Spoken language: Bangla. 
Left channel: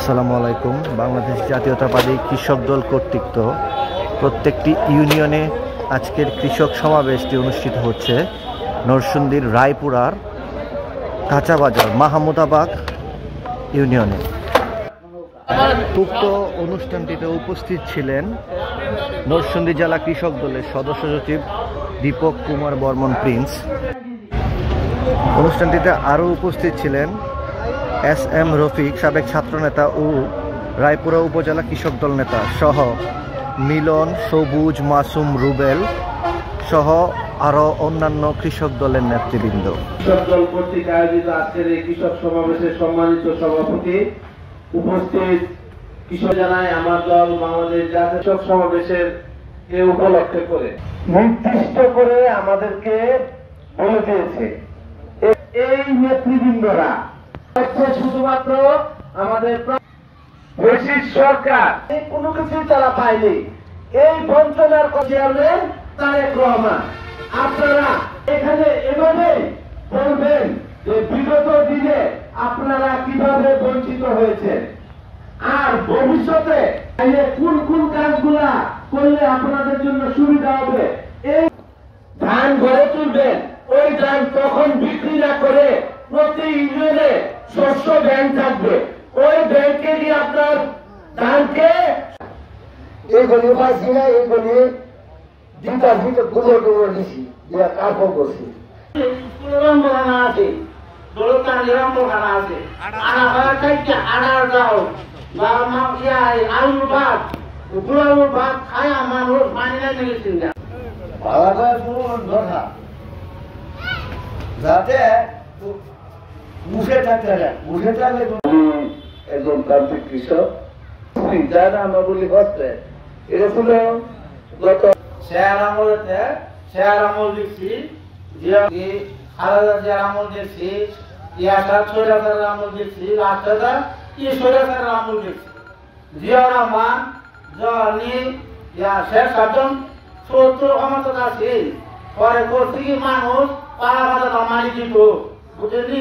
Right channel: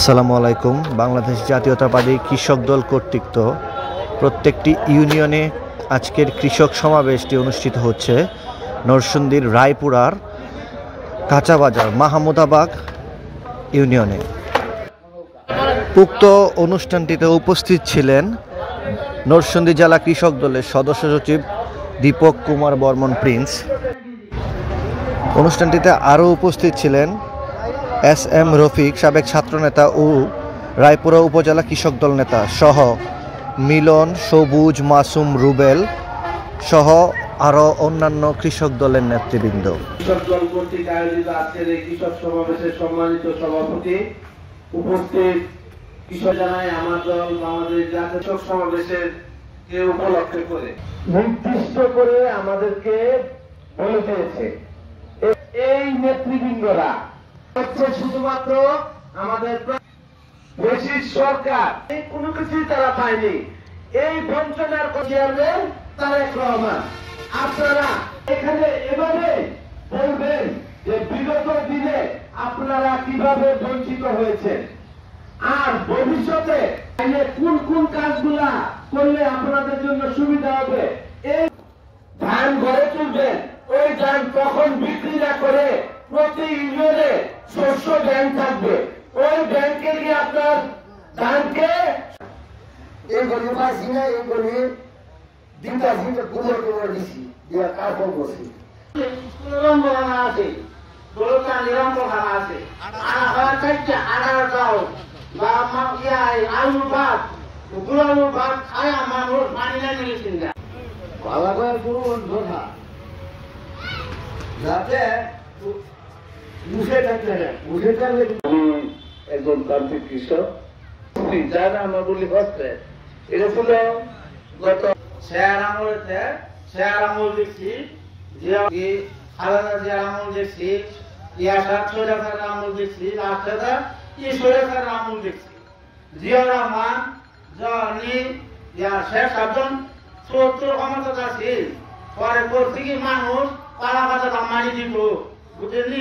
আসসালামু আলাইকুম। বাংলাদেশ জাতীয়তাবাদী কৃষক দল কর্তৃক প্রত্যেকটি ইউনিয়নে আজকের কৃষক সমাবেশটি অনুষ্ঠিত হচ্ছে নরসিংদীর রায়পুরার কাঁচাবাজার মাহমুদাবাগ ইউনিয়নে। উক্ত অনুষ্ঠানটিতে উপস্থিত ছিলেন নরসিংদী জেলা কৃষক দলের সদস্য সচিব দীপক কুমার বর্মন প্রিন্স। অনুষ্ঠানটিতে আরও উপস্থিত ছিলেন এস এম রফিক, সাবেক ছাত্রনেতা ও রায়পুরা উপজেলা কৃষক দল নেতা সহ মিলন, সবুজ, মাসুম, রুবেল সহ আরও অন্যান্য কৃষক দলের নেতৃবৃন্দ। কৃষক দল কর্তৃক আয়োজিত আজকের এই কৃষক সমাবেশের সম্মানিত সভাপতি উপস্থিত কৃষক জানায় আমার দল বাংলাদেশ জাতীয় কৃষক সমাবেশের কে উপলক্ষ করে নির্দিষ্ট করে আমাদেরকে বলে দিয়েছে এই নেতৃবৃন্দরা শুধুমাত্র আমাদের ব্রিটিশ সরকার কোনো কিছুই তারা পায়নি। এই বঞ্চনার চেয়ারম্যান তারেক রহমান, আপনারা এখানে এভাবে বলবেন যে বিগত দিনে আপনারা কিভাবে বঞ্চিত হয়েছেন আর ভবিষ্যতে কোন কোন কাজগুলা করলে আপনাদের জন্য সুবিধা হবে। এই ধান ঘরে তুলবেন, ওই ধান তখন বিক্রি না করে প্রতি ইউনিয়নে শস্য ব্যাংক থাকবে, ওই ব্যাংকে দিয়ে আপনার ধানকে এইগুলি পাইছি না, এইগুলি দিতা থেকে গুলো করে দিছি দিয়ে কাপড় করছি আছে দোলতা নিরাম খানা আছে আলু ভাত গুলালু ভাত খায় মানুষ মানি না মিলেছেন না আলাদা কোনো ধরা যাতে মুখে থাকতে না, মুখে থাকলে একদম প্রান্তিক কৃষক যারা আমার বলি হচ্ছে এটা ছিল গত শেয়ার আমলেতে শেয়ার আমল দেখছি যে খালাদা শেয়ার আমল দেখছি, ইয়াসার সৈরাসার আমল দেখছি, লাস্টাদা কি সৈরাসার আমল দেখছি, জিয়া রহমান জনি শেখ সাধন ৭০ ক্ষমতা আছে পরে করছি কি মানুষ পাড়া বাজার মানি দিব বুঝলি।